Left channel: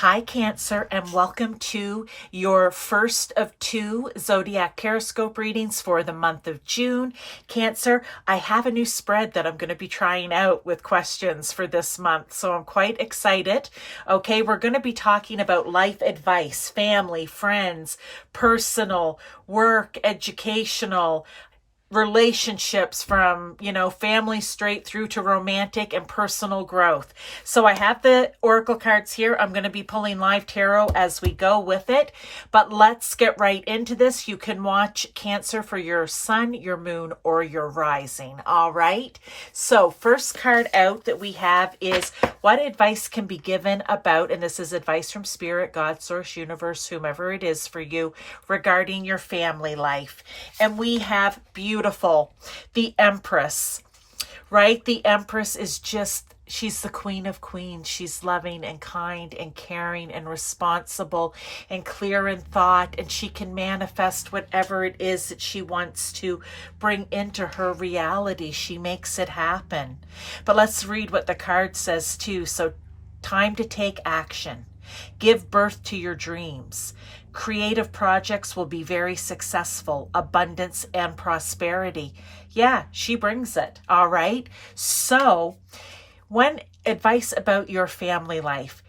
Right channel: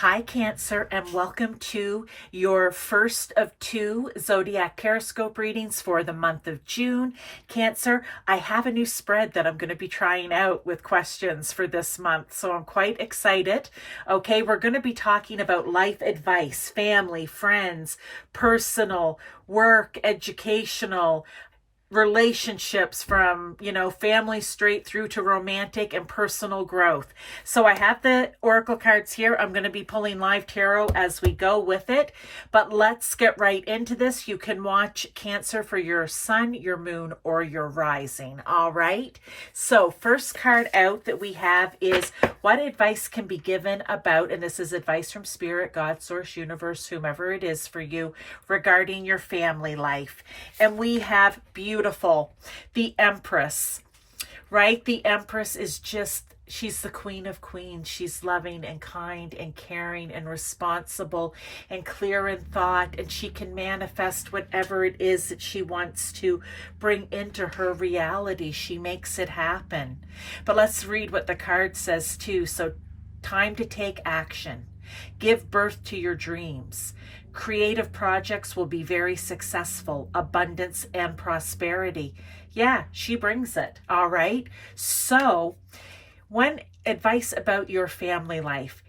Hi, Cancer, and welcome to your first of two Zodiac Periscope readings for the month of June. Cancer, I have a new spread that I'm going to be trying out with questions for this month, so I'm quite excited. Okay, we're going to be talking about life advice, family, friends, personal, work, educational, relationships from, family straight through to romantic and personal growth. So I have the oracle cards here. I'm going to be pulling live tarot as we go with it, but let's get right into this. You can watch Cancer for your sun, your moon, or your rising. All right. So first card out that we have is what advice can be given about, and this is advice from Spirit, God, Source, Universe, whomever it is for you, regarding your family life. And we have beautiful, the Empress, right? The Empress is just, she's the Queen of Queens. She's loving and kind and caring and responsible and clear in thought, and she can manifest whatever it is that she wants to bring into her reality. She makes it happen. But let's read what the card says too. So, time to take action. Give birth to your dreams. Creative projects will be very successful. Abundance and prosperity. Yeah, she brings it. All right. So, when advice about your family life,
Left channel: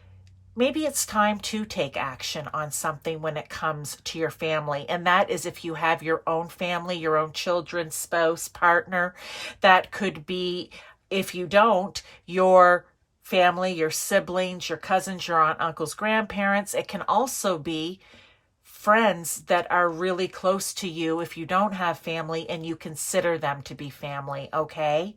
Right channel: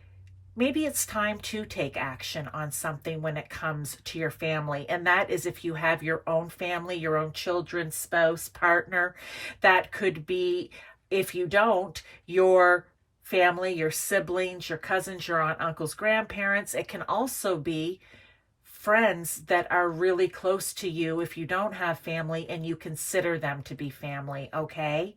maybe it's time to take action on something when it comes to your family. And that is if you have your own family, your own children, spouse, partner. That could be, if you don't, your family, your siblings, your cousins, your aunt, uncles, grandparents. It can also be friends that are really close to you if you don't have family and you consider them to be family, okay?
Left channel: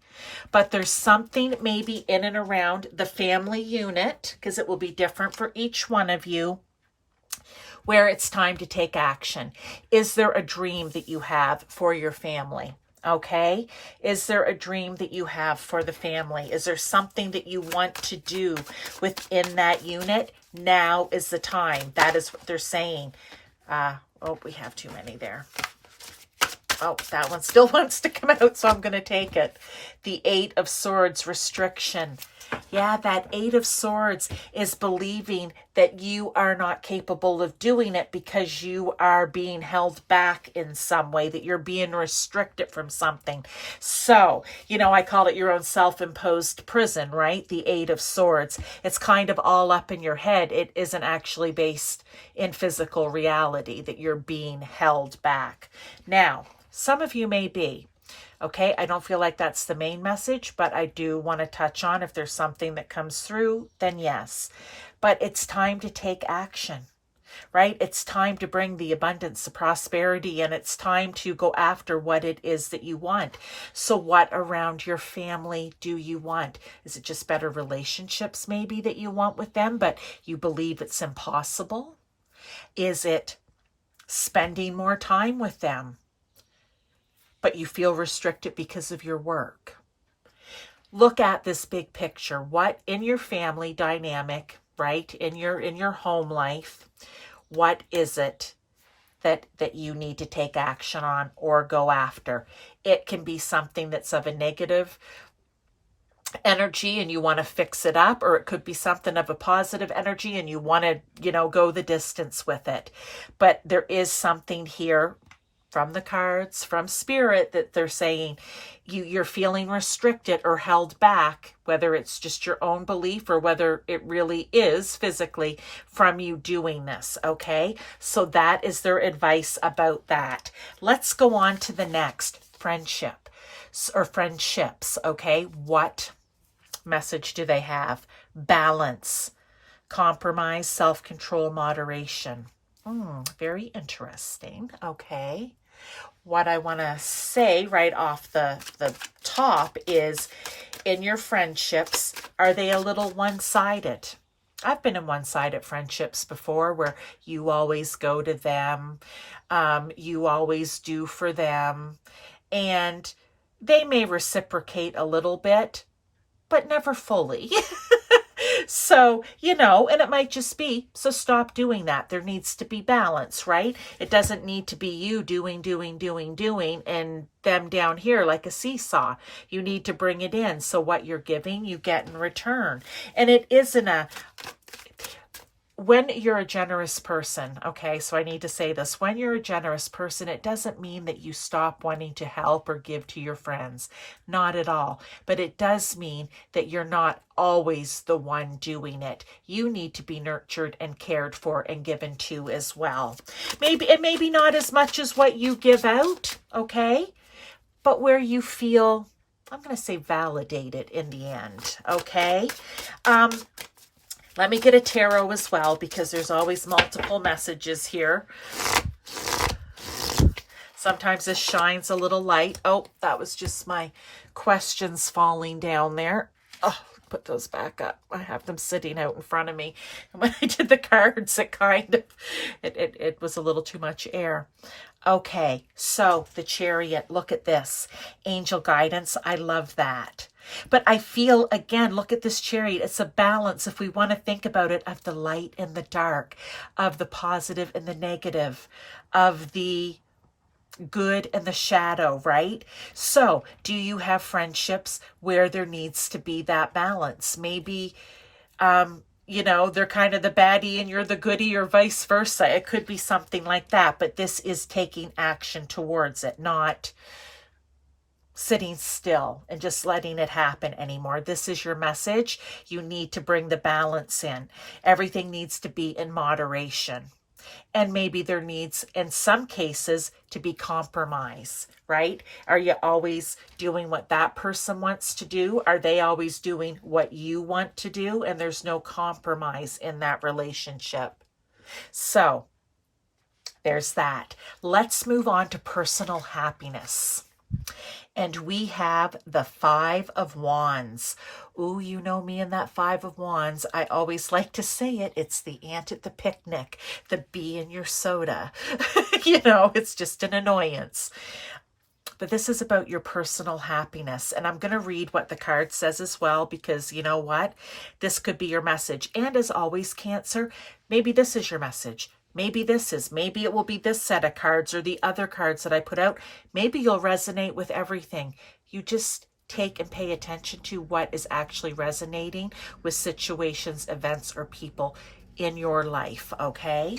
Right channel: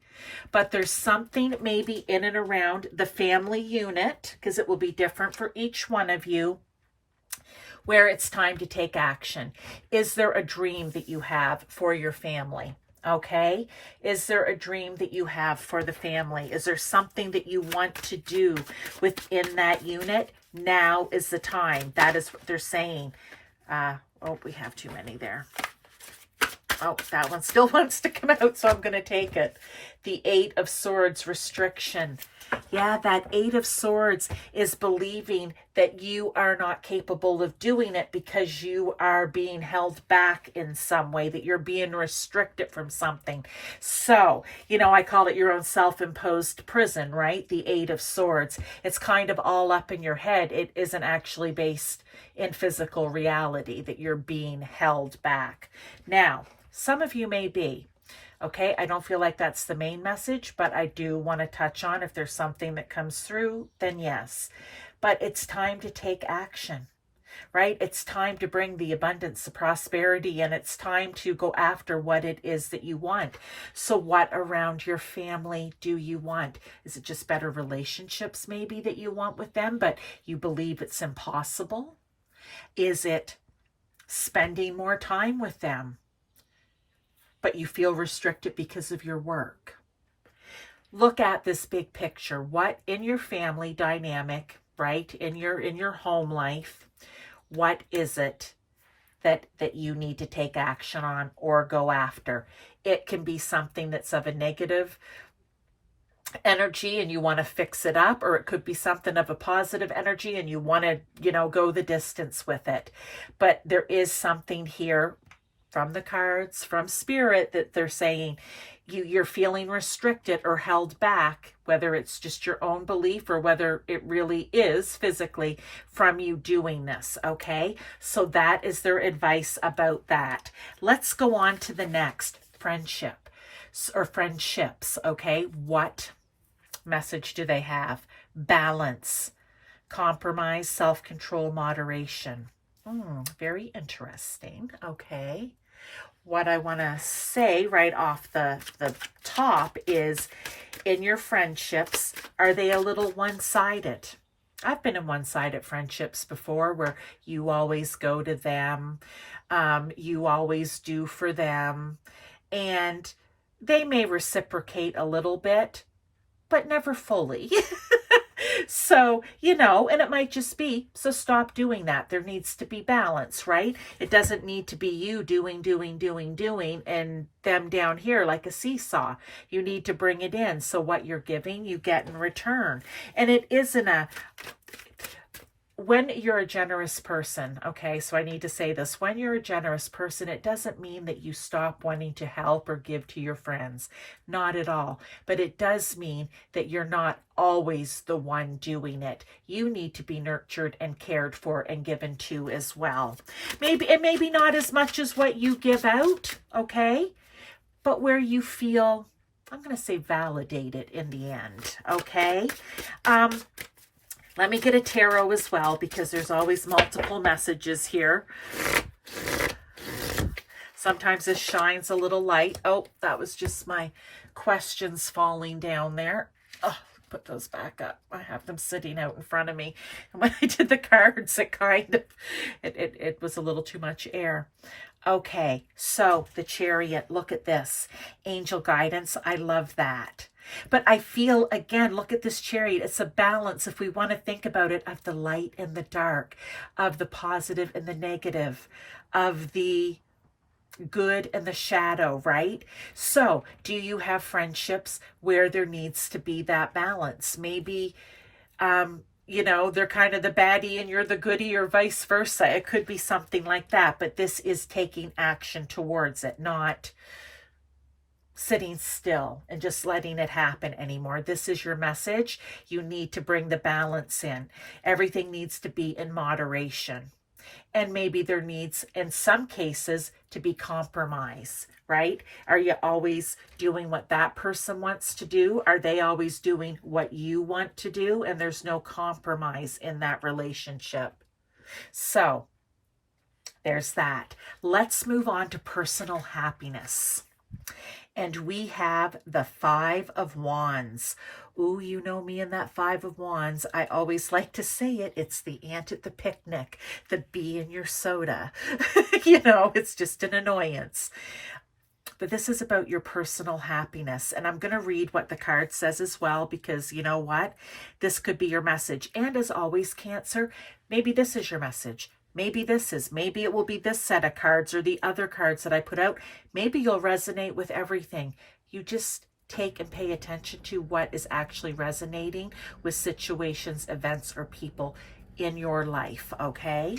But there's something maybe in and around the family unit, because it will be different for each one of you, where it's time to take action. Is there a dream that you have for your family? Okay. Is there a dream that you have for the family? Is there something that you want to do within that unit? Now is the time. That is what they're saying. Oh, we have too many there. Oh, that one still wants to come out, so I'm going to take it. The Eight of Swords, restriction. Yeah, that Eight of Swords is believing that you are not capable of doing it because you are being held back in some way, that you're being restricted from something. So, I call it your own self-imposed prison, right? The Eight of Swords. It's kind of all up in your head. It isn't actually based in physical reality that you're being held back. Now, some of you may be. Okay, I don't feel like that's the main message, but I do want to touch on if there's something that comes through, then yes. But it's time to take action, right? It's time to bring the abundance, the prosperity, and it's time to go after what it is that you want. So what around your family do you want? Is it just better relationships maybe that you want with them, but you believe it's impossible? Is it spending more time with them, but you feel restricted because of your work? Look at this big picture. What in your family dynamic, right? In your home life, what is it that you need to take action on or go after? It can be something that's of a negative energy and you want to fix it up, or it could be something of a positive energy and you want to, go the distance with it. But there is something here from the cards, from Spirit, that they're saying you're feeling restricted or held back, whether it's just your own belief or whether it really is physically from you doing this, okay? So that is their advice about that. Let's go on to the next, friendship or friendships, okay? What message do they have? Balance, compromise, self-control, moderation. Very interesting, okay? What I want to say right off the top is, in your friendships, are they a little one-sided? I've been in one-sided friendships before where you always go to them, you always do for them, and they may reciprocate a little bit, but never fully. So, and it might just be, so stop doing that. There needs to be balance, right? It doesn't need to be you doing, and them down here like a seesaw. You need to bring it in. So what you're giving, you get in return. And it isn't a when you're a generous person, okay, so I need to say this, when you're a generous person, it doesn't mean that you stop wanting to help or give to your friends. Not at all. But it does mean that you're not always the one doing it. You need to be nurtured and cared for and given to as well. Maybe not as much as what you give out, okay? But where you feel, I'm going to say, validated in the end, okay? Let me get a tarot as well, because there's always multiple messages here. Sometimes this shines a little light. Oh, that was just my questions falling down there. Oh, put those back up. I have them sitting out in front of me. And when I did the cards, it was a little too much air. Okay, so the Chariot, look at this. Angel guidance, I love that. But I feel, again, look at this Chariot. It's a balance, if we want to think about it, of the light and the dark, of the positive and the negative, of the good and the shadow, right? So do you have friendships where there needs to be that balance? Maybe, you know, they're kind of the baddie and you're the goodie, or vice versa. It could be something like that, but this is taking action towards it, not sitting still and just letting it happen anymore. This is your message. You need to bring the balance in. Everything needs to be in moderation. And maybe there needs, in some cases, to be compromise, right? Are you always doing what that person wants to do? Are they always doing what you want to do? And there's no compromise in that relationship. So there's that. Let's move on to personal happiness. And we have the Five of Wands. Ooh, you know me and that Five of Wands. I always like to say it. It's the ant at the picnic, the bee in your soda. You know, it's just an annoyance. But this is about your personal happiness. And I'm going to read what the card says as well, because you know what? This could be your message. And as always, Cancer, maybe this is your message. Maybe maybe it will be this set of cards or the other cards that I put out. Maybe you'll resonate with everything. You just take and pay attention to what is actually resonating with situations, events, or people in your life, okay?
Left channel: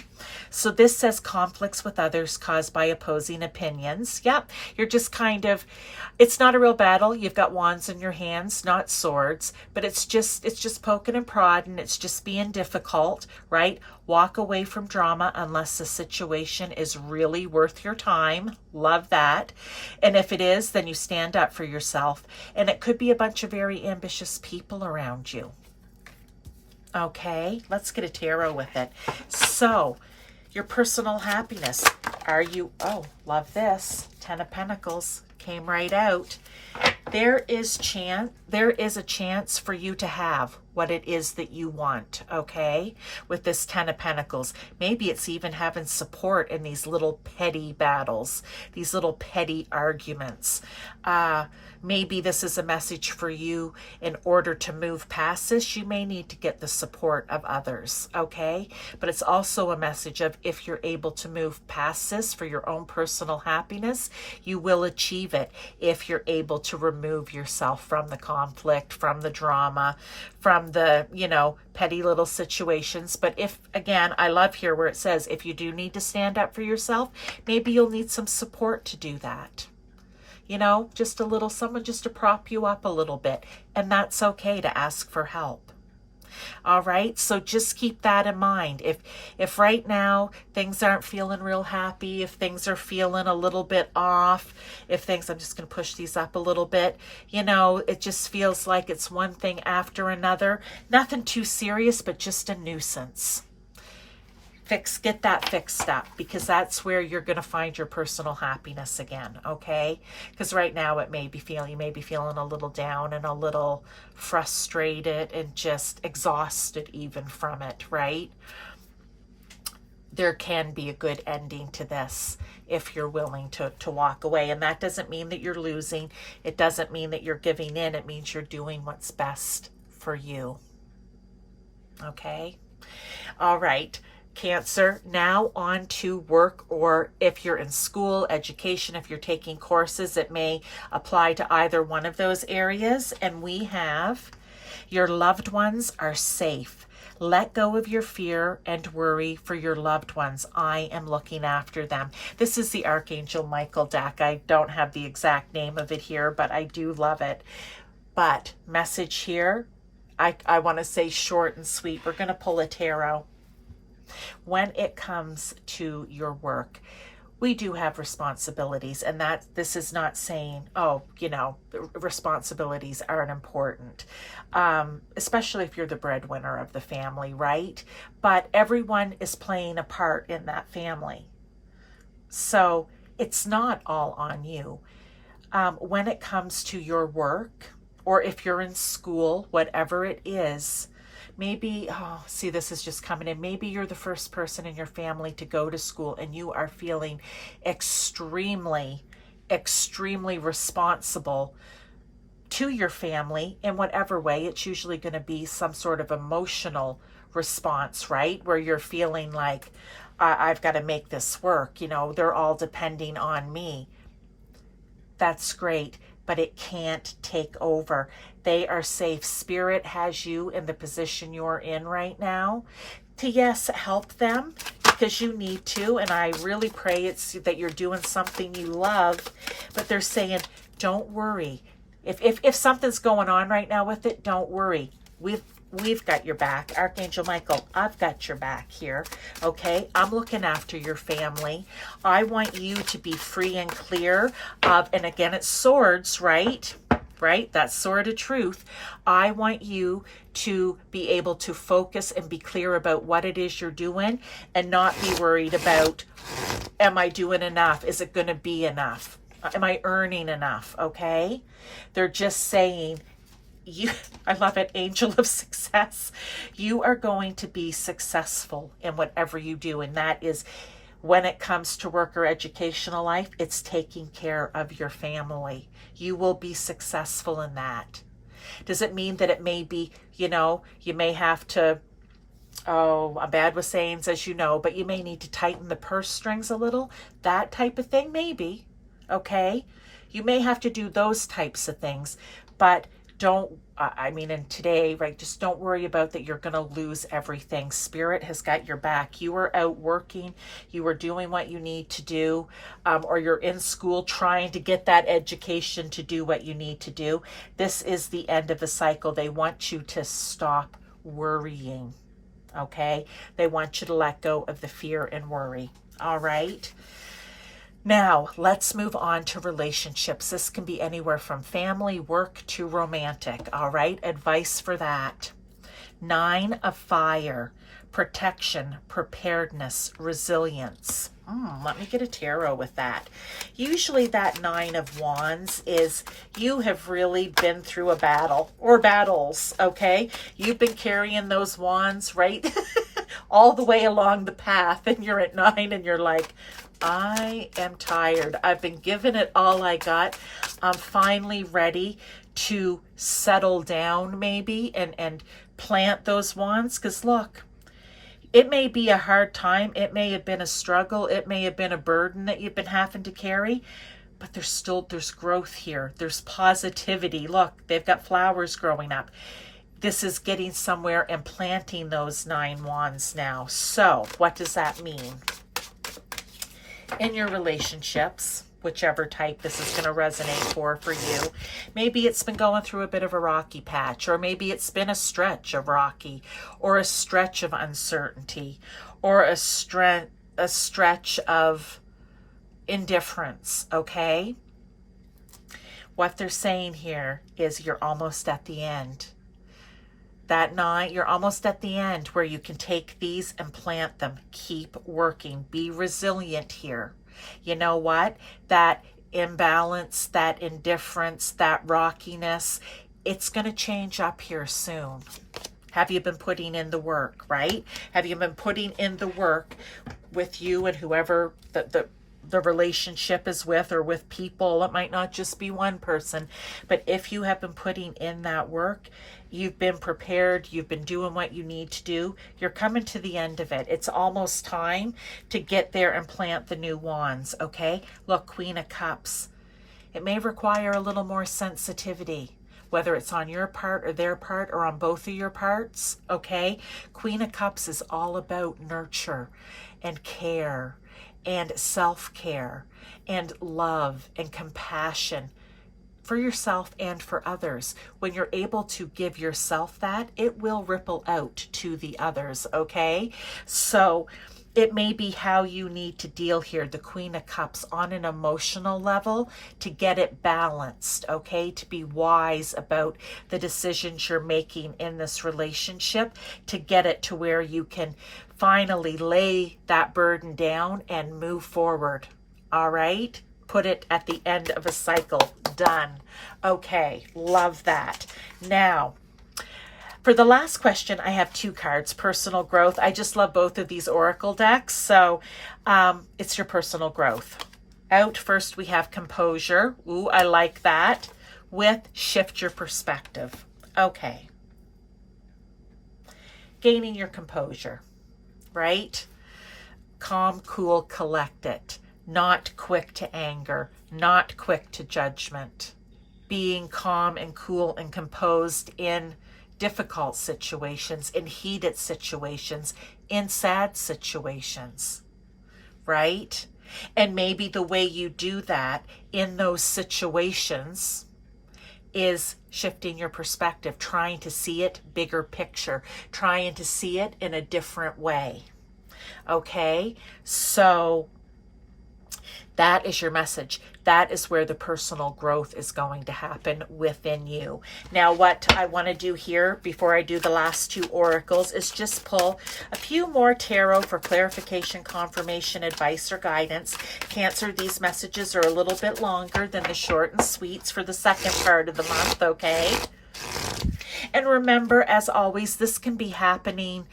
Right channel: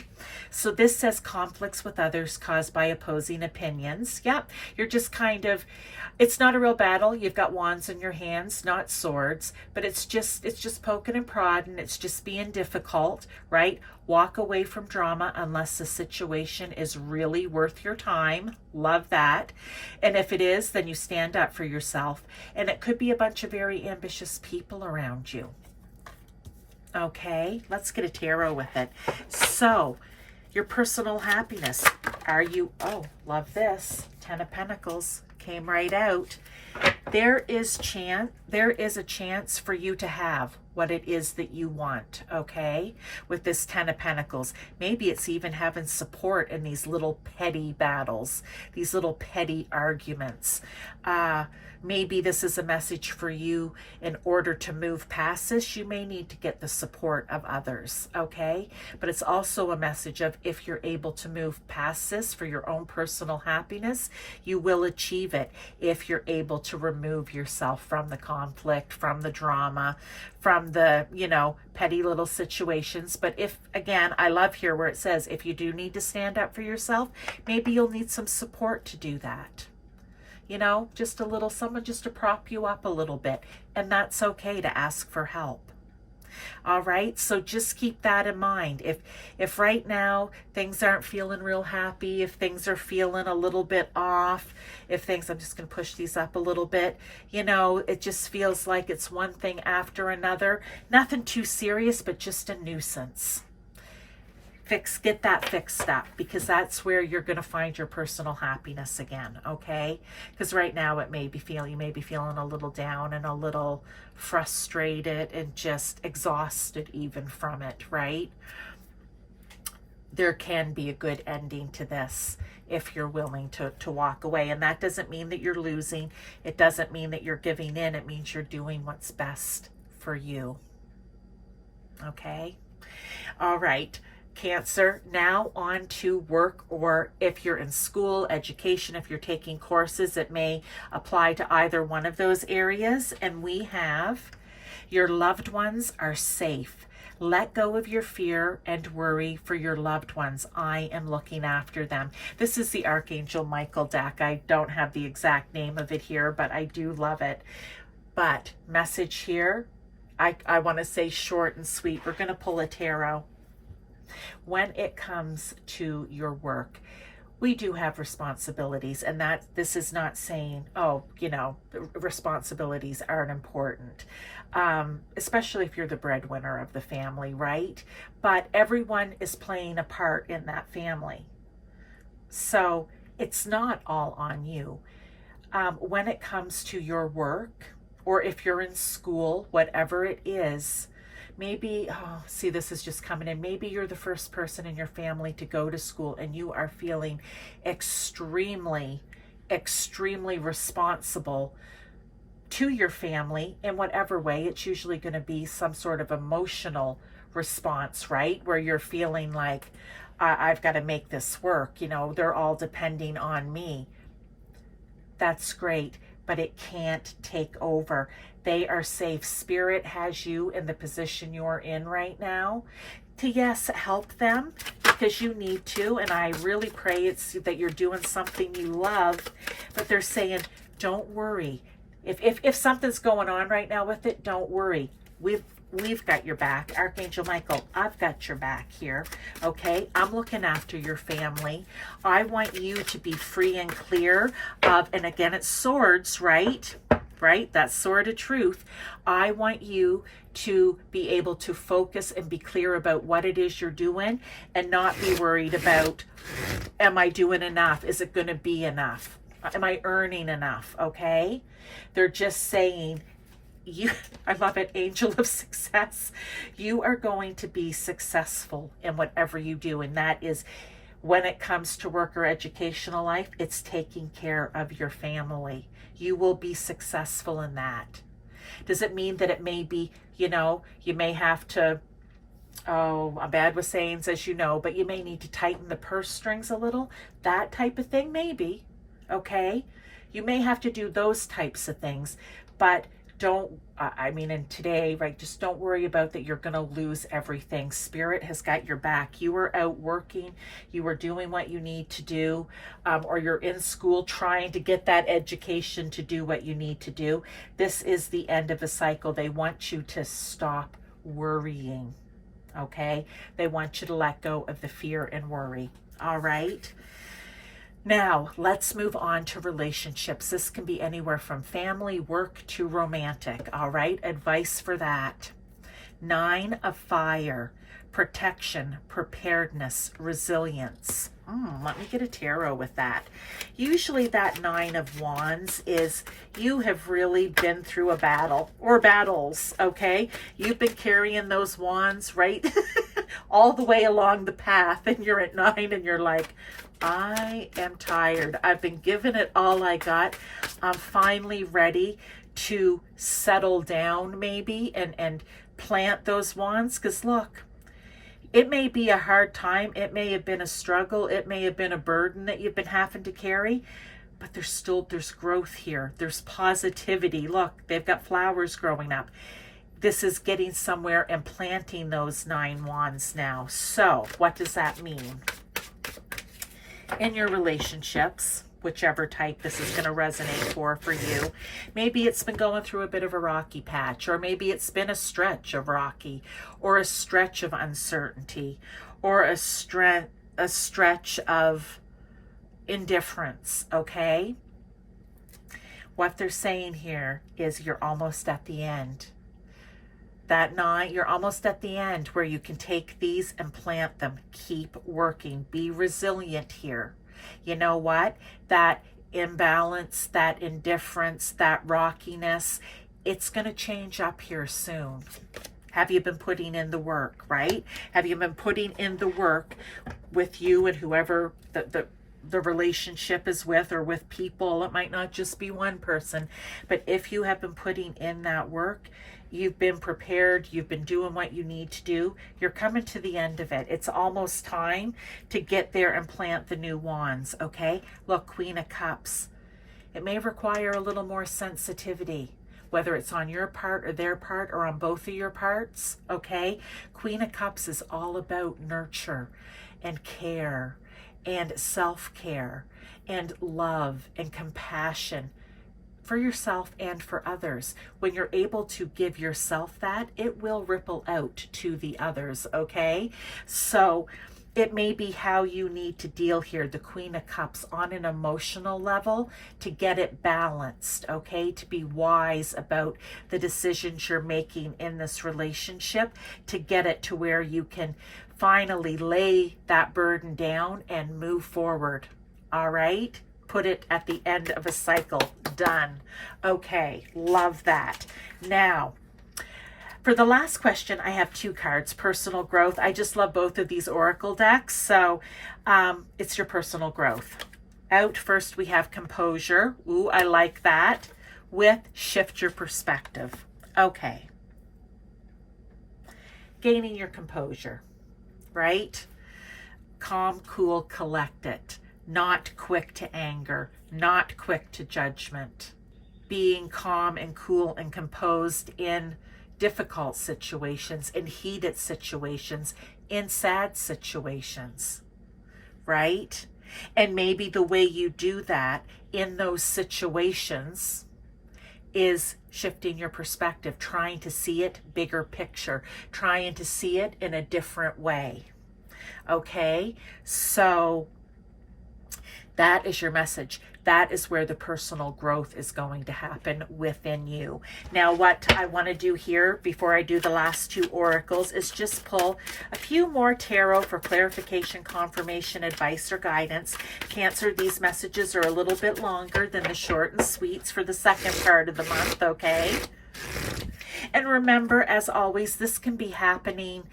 So this says conflicts with others caused by opposing opinions. Yep, you're just kind of, it's not a real battle. You've got wands in your hands, not swords, but it's just poking and prodding. It's just being difficult, right? Walk away from drama unless the situation is really worth your time. Love that. And if it is, then you stand up for yourself. And it could be a bunch of very ambitious people around you. Okay, let's get a tarot with it. So, your personal happiness. Are you, oh, love this. Ten of Pentacles came right out. There is a chance for you to have what it is that you want, okay? With this Ten of Pentacles. Maybe it's even having support in these little petty battles, these little petty arguments. Maybe this is a message for you. In order to move past this, you may need to get the support of others, okay? But it's also a message of, if you're able to move past this for your own personal happiness, you will achieve it if you're able to remove yourself from the conflict, from the drama, from the, you know, petty little situations. But if, again, I love here where it says, if you do need to stand up for yourself, maybe you'll need some support to do that. You know, just a little, someone just to prop you up a little bit. And that's okay to ask for help. All right, so just keep that in mind. If right now things aren't feeling real happy, if things are feeling a little bit off, if things, I'm just going to push these up a little bit, you know, it just feels like it's one thing after another. Nothing too serious, but just a nuisance. Get that fixed up, because that's where you're going to find your personal happiness again, okay? Because right now you may be feeling a little down and a little frustrated and just exhausted even from it, right? There can be a good ending to this if you're willing to walk away. And that doesn't mean that you're losing. It doesn't mean that you're giving in. It means you're doing what's best for you, okay? All right. Cancer, now on to work, or if you're in school, education, if you're taking courses, it may apply to either one of those areas. And we have, your loved ones are safe. Let go of your fear and worry for your loved ones. I am looking after them. This is the Archangel Michael deck. I don't have the exact name of it here, but I do love it. But message here, I want to say short and sweet. We're going to pull a tarot. When it comes to your work, we do have responsibilities, and that this is not saying, oh, you know, responsibilities aren't important, especially if you're the breadwinner of the family, right? But everyone is playing a part in that family. So it's not all on you. When it comes to your work, or if you're in school, whatever it is, maybe, oh, see, this is just coming in. Maybe you're the first person in your family to go to school and you are feeling extremely, extremely responsible to your family in whatever way. It's usually going to be some sort of emotional response, right? Where you're feeling like, I've got to make this work. You know, they're all depending on me. That's great, but it can't take over. They are safe. Spirit has you in the position you're in right now to, yes, help them because you need to. And I really pray it's that you're doing something you love, but they're saying, don't worry. If something's going on right now with it, don't worry. We've got your back. Archangel Michael, I've got your back here. Okay, I'm looking after your family. I want you to be free and clear of, and again, it's swords, right? Right? That sword of truth. I want you to be able to focus and be clear about what it is you're doing and not be worried about, am I doing enough? Is it going to be enough? Am I earning enough? Okay. They're just saying, I love it, angel of success. You are going to be successful in whatever you do. And that is, when it comes to work or educational life, it's taking care of your family. You will be successful in that. Does it mean that it may be, you know, you may have to, oh, I'm bad with sayings, as you know, but you may need to tighten the purse strings a little, that type of thing, maybe. Okay. You may have to do those types of things, but don't, I mean, in today, right, just don't worry about that you're going to lose everything. Spirit has got your back. You are out working. You are doing what you need to do, or you're in school trying to get that education to do what you need to do. This is the end of a cycle. They want you to stop worrying, okay? They want you to let go of the fear and worry, all right? Now, let's move on to relationships. This can be anywhere from family, work, to romantic, all right? Advice for that. 9 of Fire, protection, preparedness, resilience. Let me get a tarot with that. Usually that 9 of Wands is you have really been through a battle or battles, okay? You've been carrying those wands, right? All the way along the path, and you're at 9 and you're like, I am tired. I've been given it all I got. I'm finally ready to settle down maybe and plant those wands. Because look, it may be a hard time. It may have been a struggle. It may have been a burden that you've been having to carry. But there's growth here. There's positivity. Look, they've got flowers growing up. This is getting somewhere and planting those 9 wands now. So what does that mean? In your relationships, whichever type this is going to resonate for you, maybe it's been going through a bit of a rocky patch, or maybe it's been a stretch of rocky, or a stretch of uncertainty, or a stretch of indifference, okay? What they're saying here is you're almost at the end. That 9, you're almost at the end where you can take these and plant them. Keep working. Be resilient here. You know what? That imbalance, that indifference, that rockiness, it's going to change up here soon. Have you been putting in the work, right? Have you been putting in the work with you and whoever the relationship is with, or with people? It might not just be one person, but if you have been putting in that work, you've been prepared, you've been doing what you need to do, you're coming to the end of it. It's almost time to get there and plant the new wands, okay? Look, Queen of Cups. It may require a little more sensitivity, whether it's on your part or their part or on both of your parts, okay? Queen of Cups is all about nurture and care and self-care and love and compassion for yourself and for others. When you're able to give yourself that, it will ripple out to the others, okay? So it may be how you need to deal here, the Queen of Cups, on an emotional level to get it balanced, okay? To be wise about the decisions you're making in this relationship, to get it to where you can finally lay that burden down and move forward, all right? Put it at the end of a cycle. Done. Okay, love that. Now, for the last question, I have 2 cards, personal growth. I just love both of these oracle decks. So it's your personal growth. Out first, we have composure. Ooh, I like that. With shift your perspective. Okay. Gaining your composure, right? Calm, cool, collected. Not quick to anger, not quick to judgment. Being calm and cool and composed in difficult situations, in heated situations, in sad situations, right? And maybe the way you do that in those situations is shifting your perspective, trying to see it bigger picture, trying to see it in a different way. Okay, so that is your message. That is where the personal growth is going to happen within you. Now, what I want to do here before I do the last 2 oracles is just pull a few more tarot for clarification, confirmation, advice, or guidance. Cancer, these messages are a little bit longer than the short and sweets for the second part of the month, okay? And remember, as always, this can be happening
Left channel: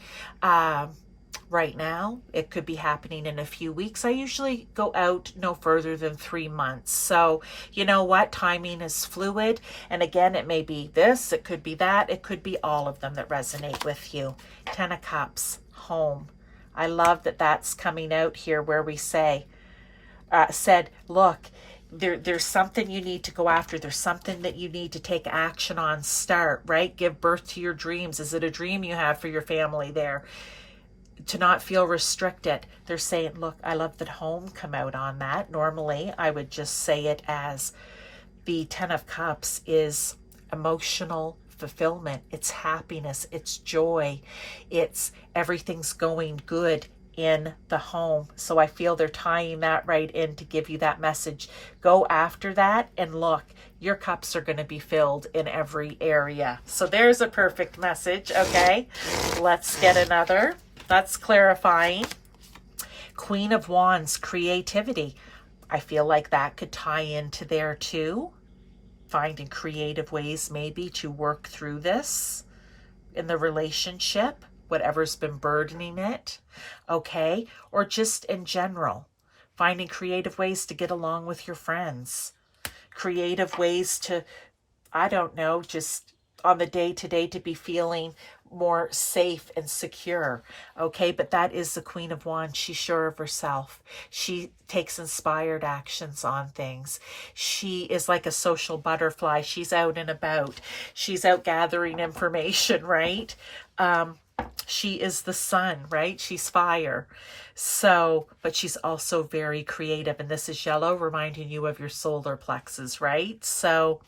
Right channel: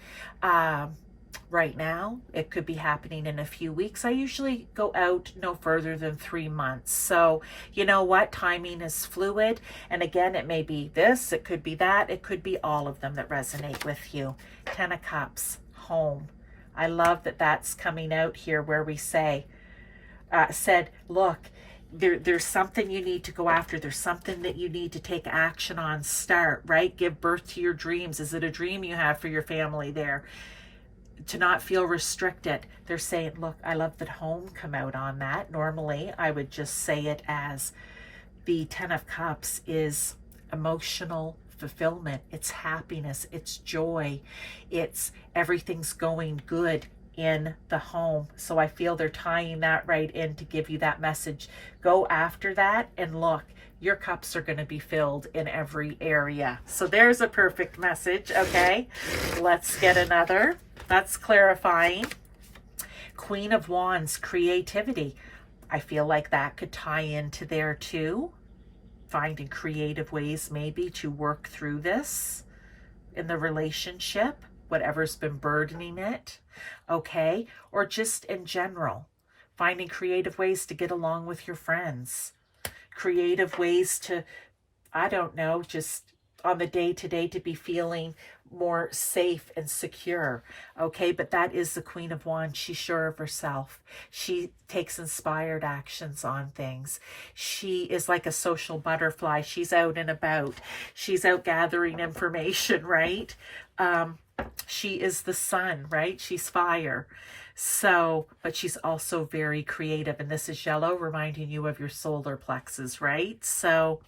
right now. It could be happening in a few weeks. I usually go out no further than 3 months. So you know what? Timing is fluid. And again, it may be this, it could be that, it could be all of them that resonate with you. 10 of Cups, home. I love that that's coming out here where we said, look, there's something you need to go after. There's something that you need to take action on. Start, right? Give birth to your dreams. Is it a dream you have for your family there? To not feel restricted. They're saying, look, I love that home come out on that. Normally, I would just say it as the 10 of Cups is emotional fulfillment. It's happiness. It's joy. It's everything's going good in the home. So I feel they're tying that right in to give you that message. Go after that and look, your cups are going to be filled in every area. So there's a perfect message. Okay, let's get another. That's clarifying. Queen of Wands, creativity. I feel like that could tie into there too. Finding creative ways maybe to work through this in the relationship, whatever's been burdening it, okay? Or just in general, finding creative ways to get along with your friends, creative ways to, I don't know, just on the day-to-day to be feeling more safe and secure, okay? But that is the Queen of Wands. She's sure of herself. She takes inspired actions on things. She is like a social butterfly. She's out and about. She's out gathering information, right? She is the sun, right? She's fire. So, but she's also very creative. And this is yellow, reminding you of your solar plexus, right? So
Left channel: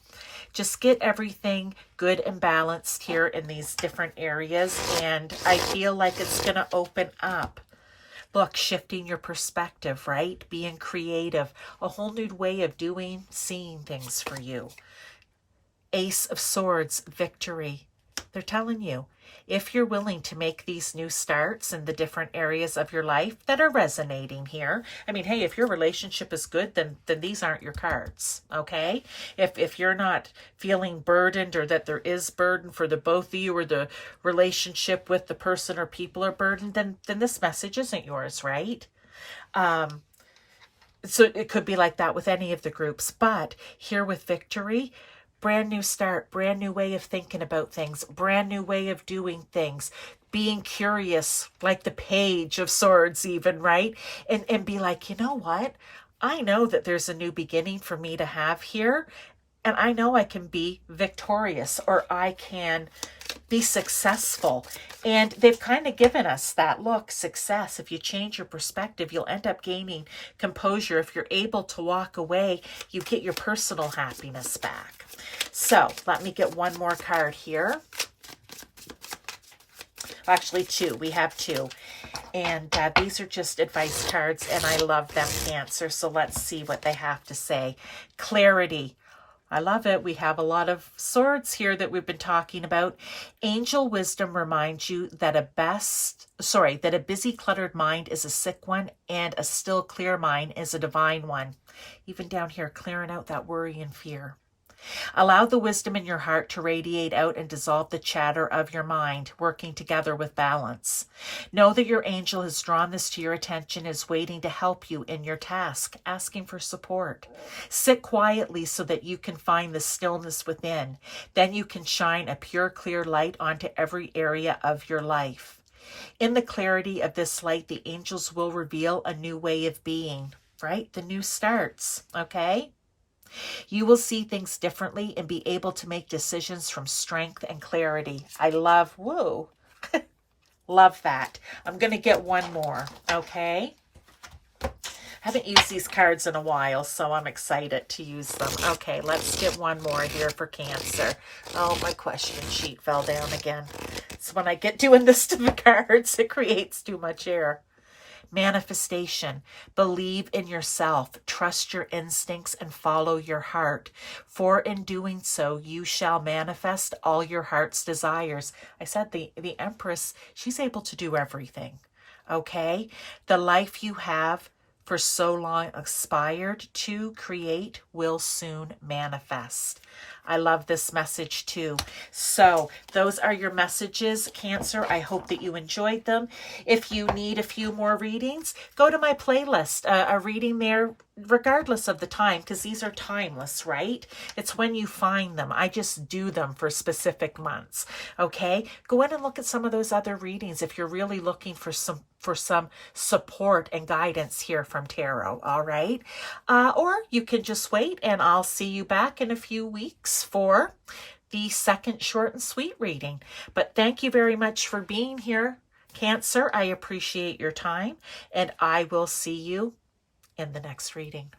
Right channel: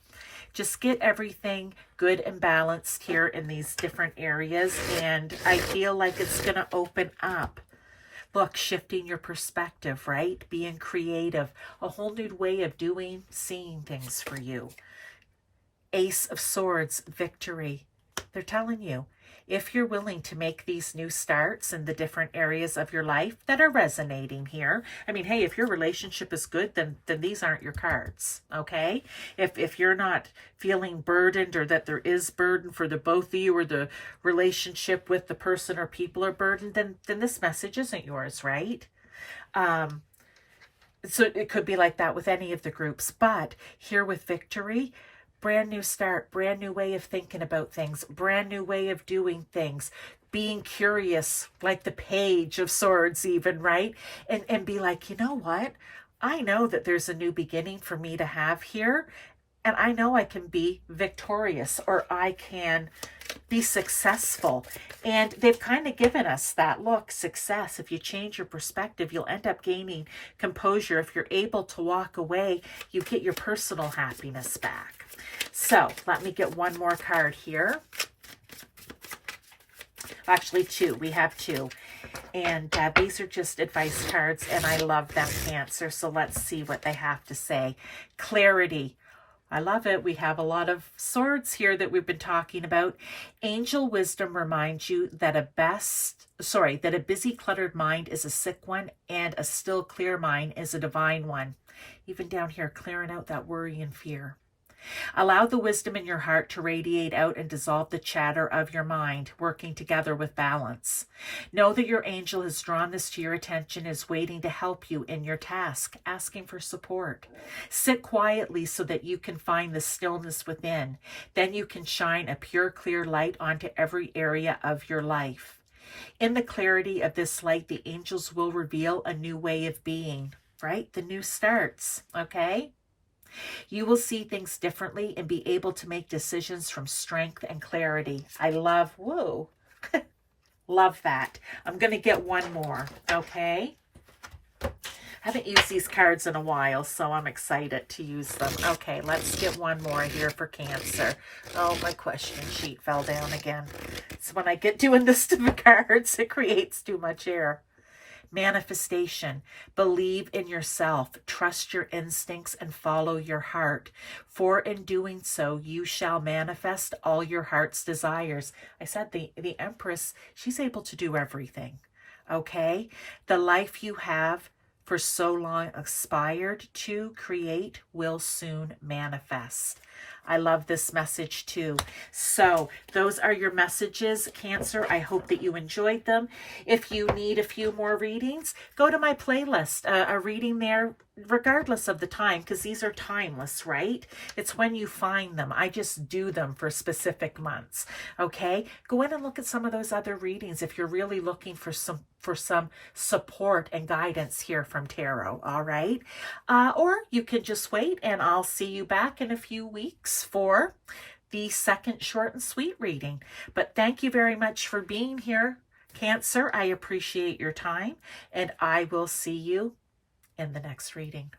just get everything good and balanced here in these different areas. And I feel like it's going to open up. Look, shifting your perspective, right? Being creative, a whole new way of doing, seeing things for you. Ace of Swords, victory. They're telling you, if you're willing to make these new starts in the different areas of your life that are resonating here. I mean, hey, if your relationship is good, then these aren't your cards, okay? If you're not feeling burdened, or that there is burden for the both of you, or the relationship with the person or people are burdened, then this message isn't yours, right? So it could be like that with any of the groups. But here with victory, brand new start, brand new way of thinking about things, brand new way of doing things, being curious, like the Page of Swords even, right? And be like, you know what? I know that there's a new beginning for me to have here. and I know I can be victorious, or I can be successful. And they've kind of given us that look, success. If you change your perspective, you'll end up gaining composure. If you're able to walk away, you get your personal happiness back. So let me get one more card here. Actually, two. We have two. And these are just advice cards, and I love them, Cancer. So let's see what they have to say. Clarity. I love it. We have a lot of swords here that we've been talking about. Angel wisdom reminds you that a busy, cluttered mind is a sick one, and a still, clear mind is a divine one. Even down here, clearing out that worry and fear. Allow the wisdom in your heart to radiate out and dissolve the chatter of your mind, working together with balance. Know that your angel has drawn this to your attention, is waiting to help you in your task, asking for support. Sit quietly so that you can find the stillness within. Then you can shine a pure, clear light onto every area of your life. In the clarity of this light, the angels will reveal a new way of being, right? The new starts, okay? You will see things differently and be able to make decisions from strength and clarity. I love, whoa, love that. I'm going to get one more, okay? I haven't used these cards in a while, so I'm excited to use them. Okay, let's get one more here for Cancer. Oh, my question sheet fell down again. So when I get doing this to the cards, it creates too much air. Manifestation. Believe in yourself, trust your instincts, and follow your heart. For in doing so, you shall manifest all your heart's desires. I said the Empress, she's able to do everything. Okay? The life you have for so long aspired to create will soon manifest. I love this message too. So those are your messages, Cancer. I hope that you enjoyed them. If you need a few more readings, go to my playlist, a reading there regardless of the time, because these are timeless, right? It's when you find them. I just do them for specific months, okay? Go in and look at some of those other readings if you're really looking for some support and guidance here from tarot, all right? Or you can just wait, and I'll see you back in a few weeks for the second short and sweet reading. But thank you very much for being here, Cancer. I appreciate your time, and I will see you in the next reading.